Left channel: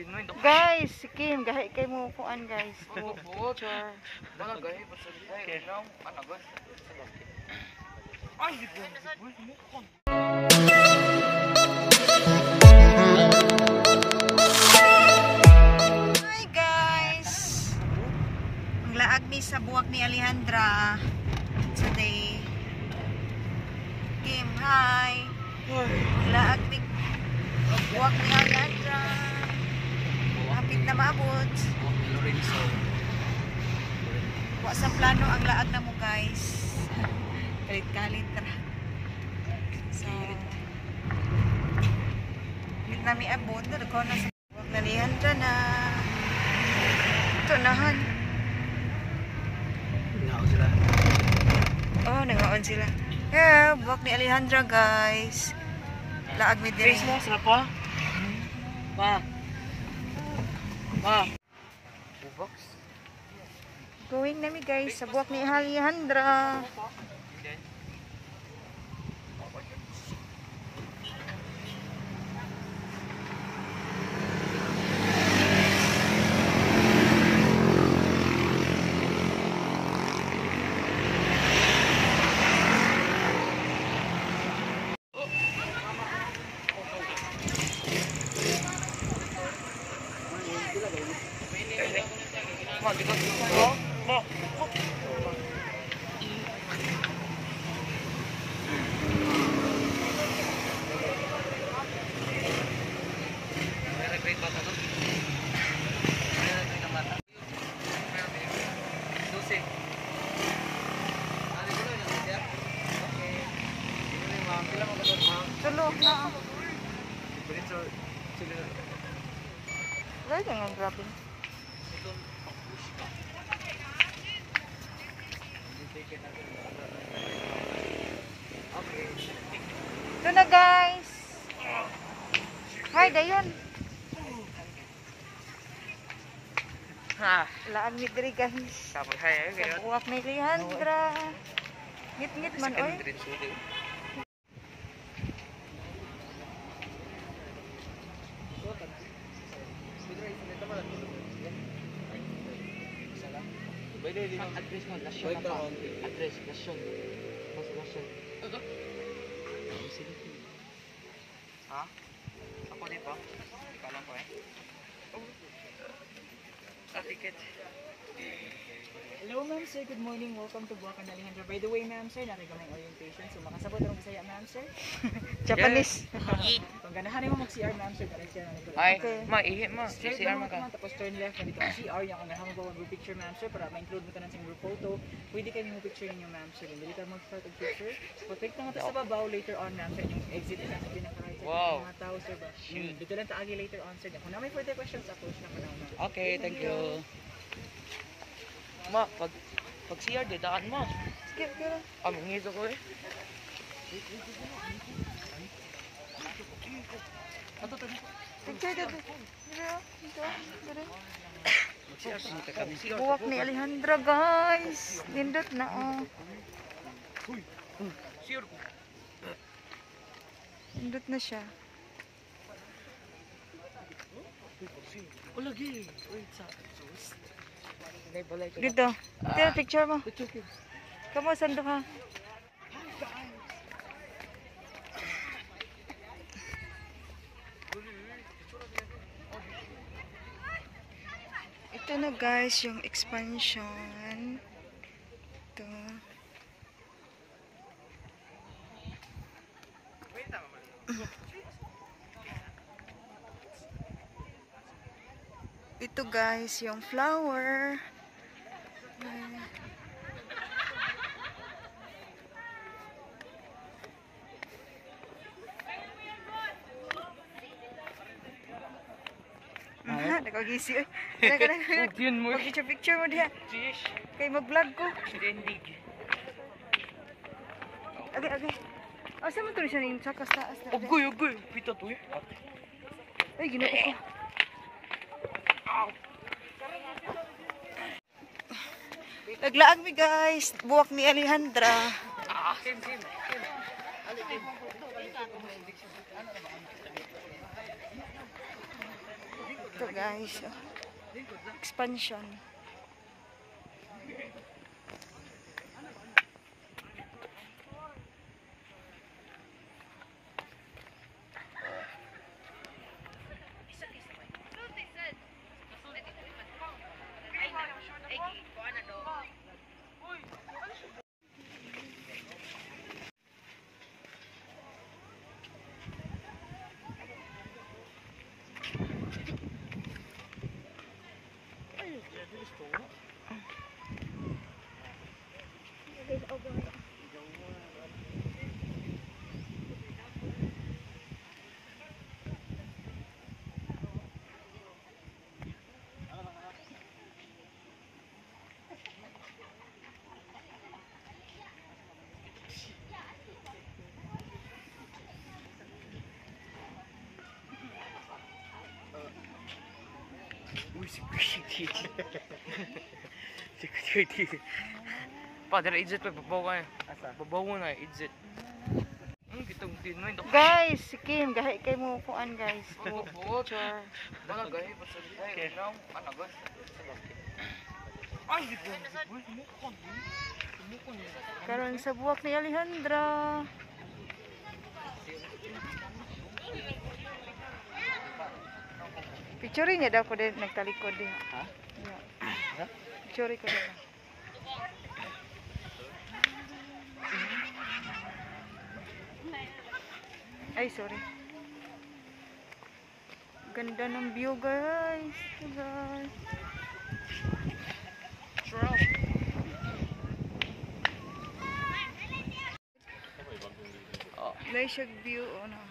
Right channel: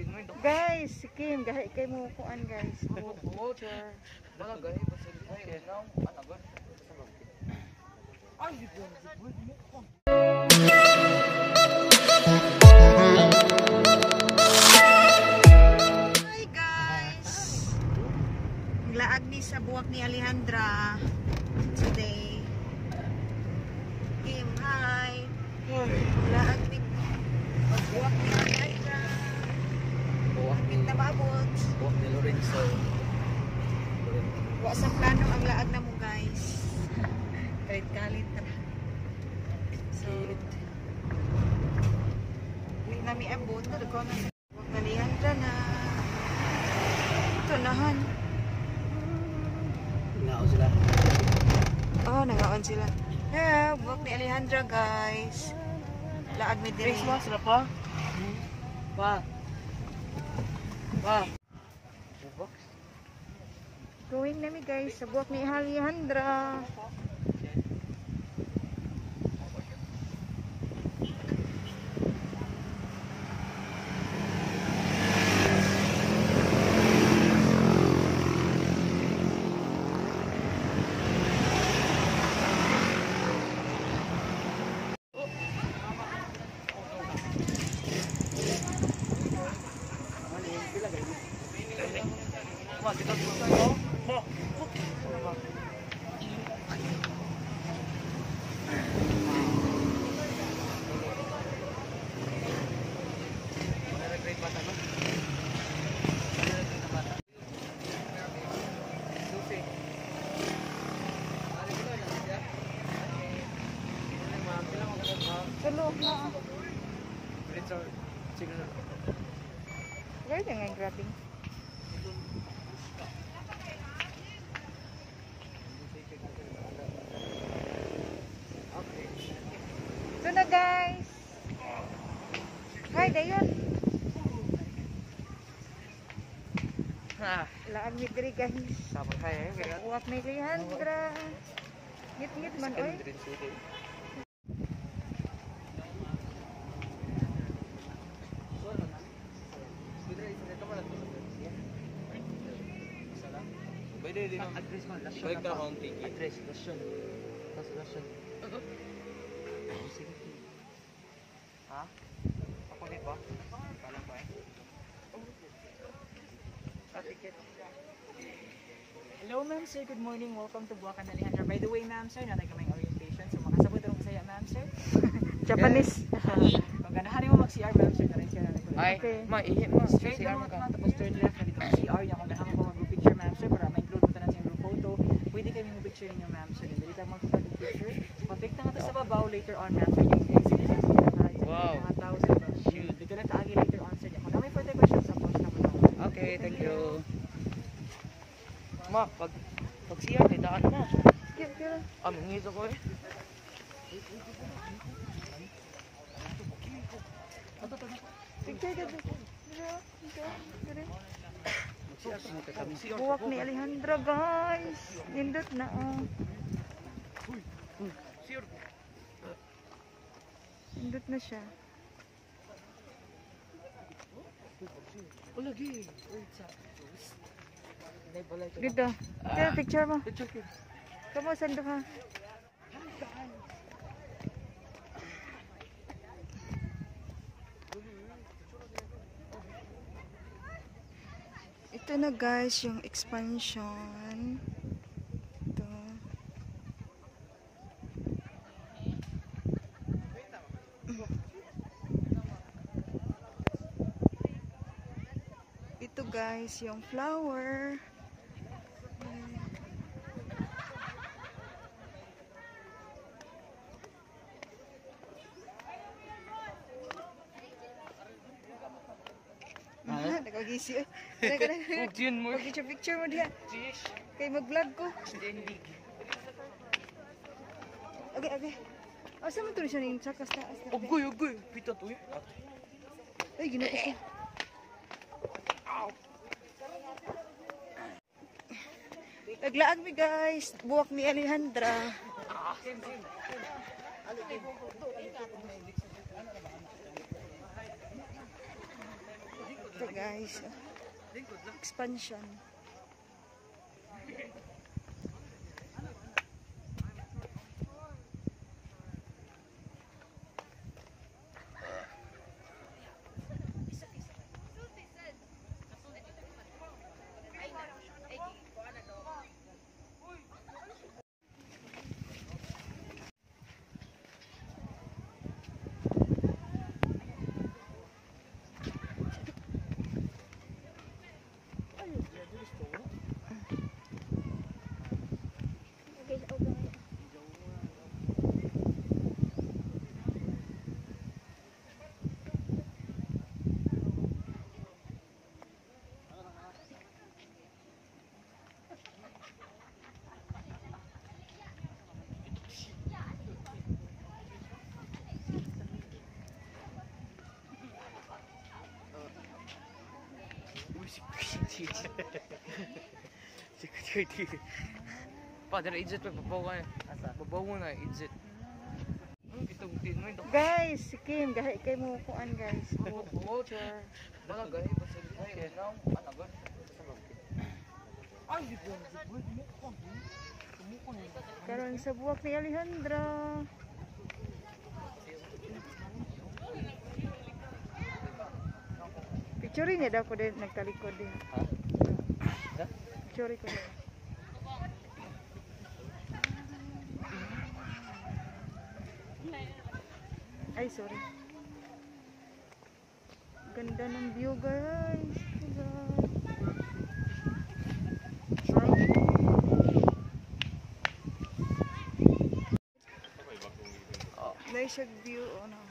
Guys, si Kim, gahi kay mo kuan guys. Picture. Hi guys. Ang laag ni sa buwak ni Alejandra today. Kim, hi. Ang laag ni buwak ni Alejandra. Hapit na maabot. Buwak ni Lorenzo. Wa sa plano ang laag na mo guys. Kalit-kalit na. So, hindi namin abot na. Dugko na sa buwak na Alejandra na. Ito nahan. Nangaon sila. Oh, nangaon sila. Yeah, buwak ni Alejandra guys. Laag mi diri. Face na sila pa. Pa. Pa. Bubox. Going nami guys sa buwak ni Alejandra. Tulog na. Wala nga grabbing. Ito na guys. Hi, dayon. Laag ni diri guys. Sabang hay Sa buwak ni Alejandra. Ngit-ngit man oy. Address mo, lasyon na pa. Address, lasyon. Lasyon. Ha? Ako dito? Ika lang ko eh. Ticket. Hello ma'am sir, good morning. Welcome to Buwakan Alejandra. By the way ma'am sir, nanay ko may orientation. So makasabot rin ko sa'yo ma'am sir. Japanese. Pag ganahan mo mag-CR ma'am sir, galing siya nanay ko. Ay, ma-ihip ma. Straight CR lang mo ka. naman, tapos turn left na dito ang CR niya. Kung ganahan mo mag-group picture ma'am sir, para ma-include mo tanan sa group photo. Pwede kayo mo picture niyo ma'am sir. Dili ka mag-start ng picture. Pag-click na nga sa babaw later on ma'am sir, yung exit na sa pinakahay. Wow. Mga tao sir. Dito lang taagi later on sir. Kung na may further questions, approach na mo na. Okay, thank you. Ma, pag CR, didakan mo. Sige, pero. Mangis ako eh. Picture dito. Buwak ni Alejandra guys. Nindot na oh. Nindot na siya. Ulagi. Dito. Tira picture mo. Kamu sando ka. Ito na guys yung expansion. Ito. Ito guys yung flower. Nakagisi oy. Pag-picture mo diha. Kay mag-vlog ko. Okay. Asa mo to siya ning sa taas na. Ugoy. Pita to eh. Ay, ginoo ko. Naglaag mi guys. Buwak ni Alejandra. Ito guys, oh. Expansion. Pa, dala exit pa, babawa na. Babawa na, exit. Kitang tinoy. Guys, si Kim, gahi kay mo kuan guys. Char. Wala gaya, basta tayo. Now, anagas. Ay, Mukon. Karon sa buwak ni Alejandra. Picture niya daw ko din nagtalikod din. Ha? Picture ko din. Ay, sorry. Ganda ng view, guys. Nice siya view, oh no.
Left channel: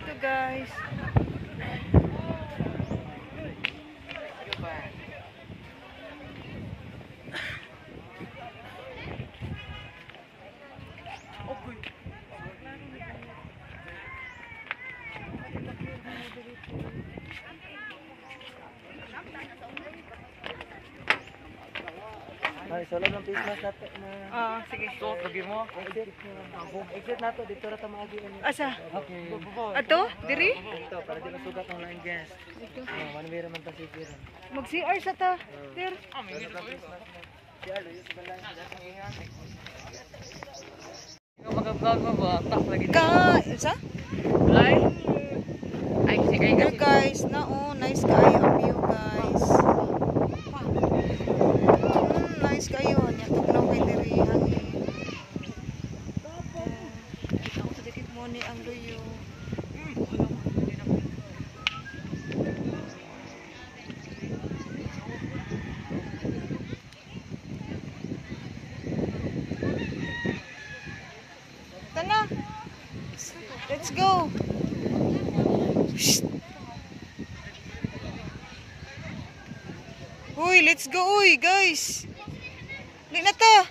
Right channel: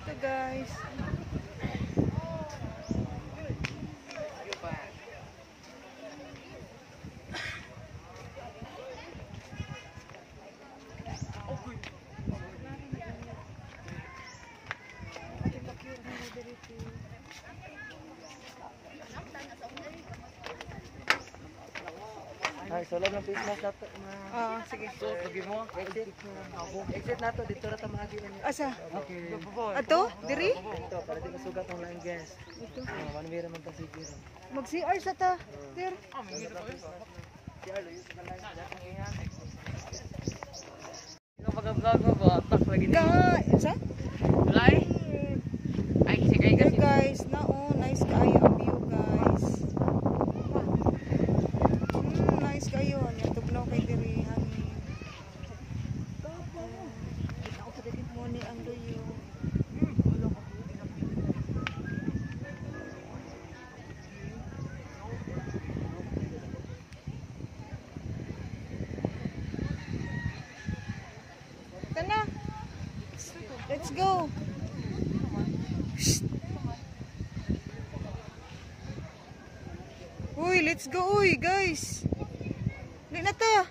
Ito guys. Ay, solo mo face mask nato. Sige. So, lagi mo. Exit nato dito ra ta maagi ani. Asa? Okay. Ato? Diri? Ito para di masugat ang line gas. Ito. One way ra man ta sige ra. Mag-CR sa ta. Dir. Mag-vlog mo ba? Tas lagi Ka, sa? Lai? Ay, kasi There guys, nice kayo ang view guys. Nice kayo. Nya tugnaw kay diri hangin. Kita ko sa mo ni ang luyo. Tana. Let's go. Shh. Uy, let's go, uy, guys. Lik na ta.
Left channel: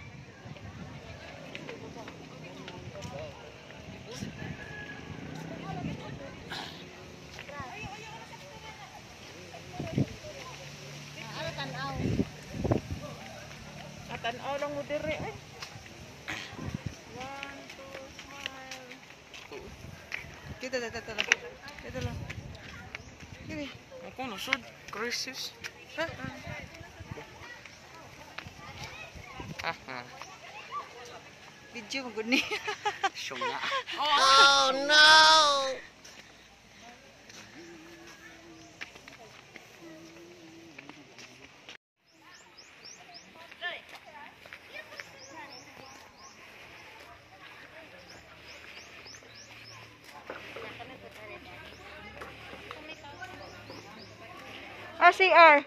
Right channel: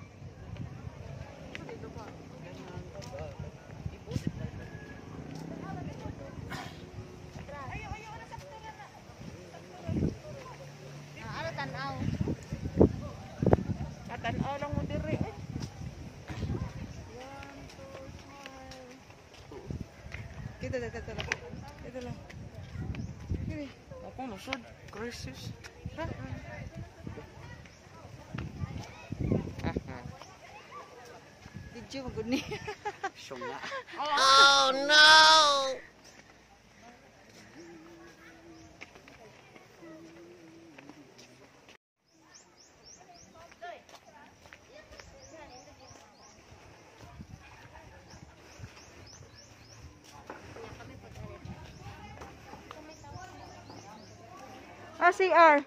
Tanaw lang mo dire. Dito lang. Dito lang. Dito. Ako na, sud. Crisis. Ha? Video mo gud ni. Siyong na. Oh no. CR.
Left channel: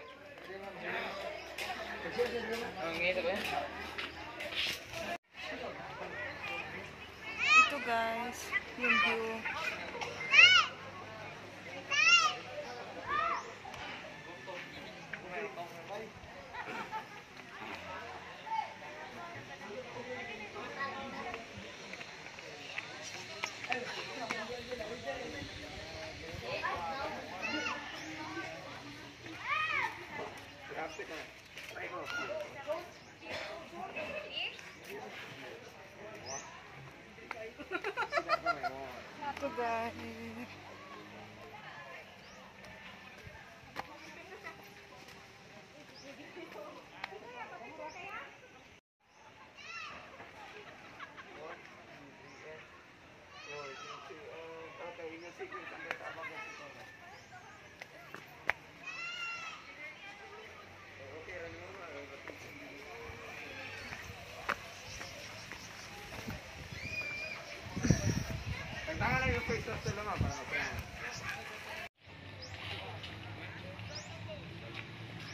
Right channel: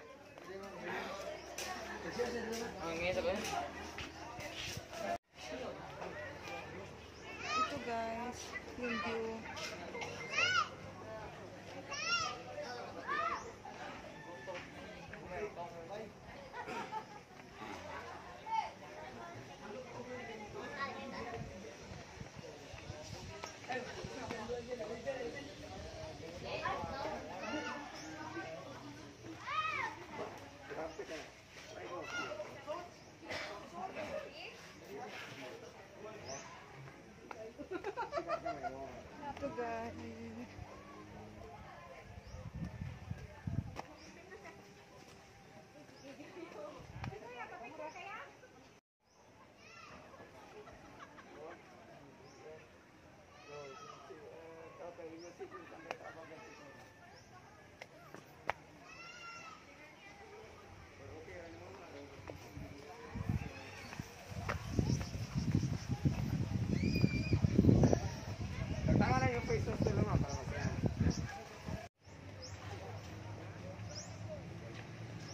Ito guys, yung view. dito guys.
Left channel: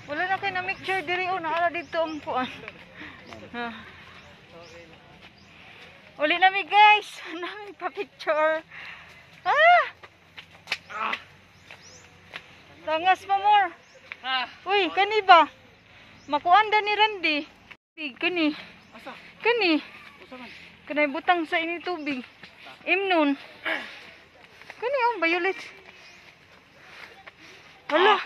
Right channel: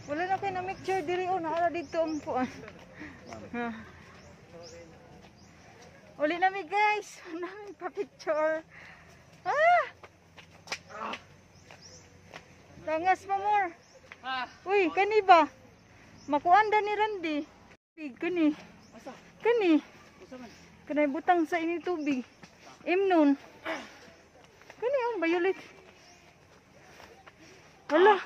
Wala na kayo na mixture diri o naala dito ang puan. Uli na mi guys. Nami pa picture. Ah! Tangas mo more. Uy, kani ba? Makuanda ni Randy. Kani. Kani. Kanay butang sa ini tubig. Imnon. Kani ang violet. Wala.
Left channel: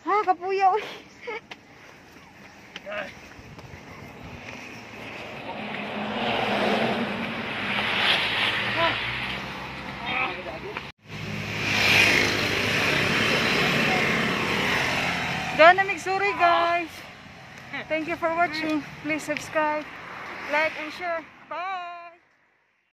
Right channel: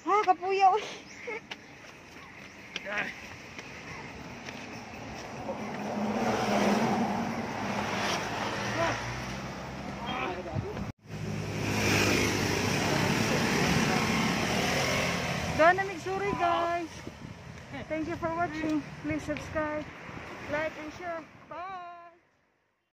Ha, kapuya uy. Dana migsuri guys. Thank you for watching. Please subscribe, like and share.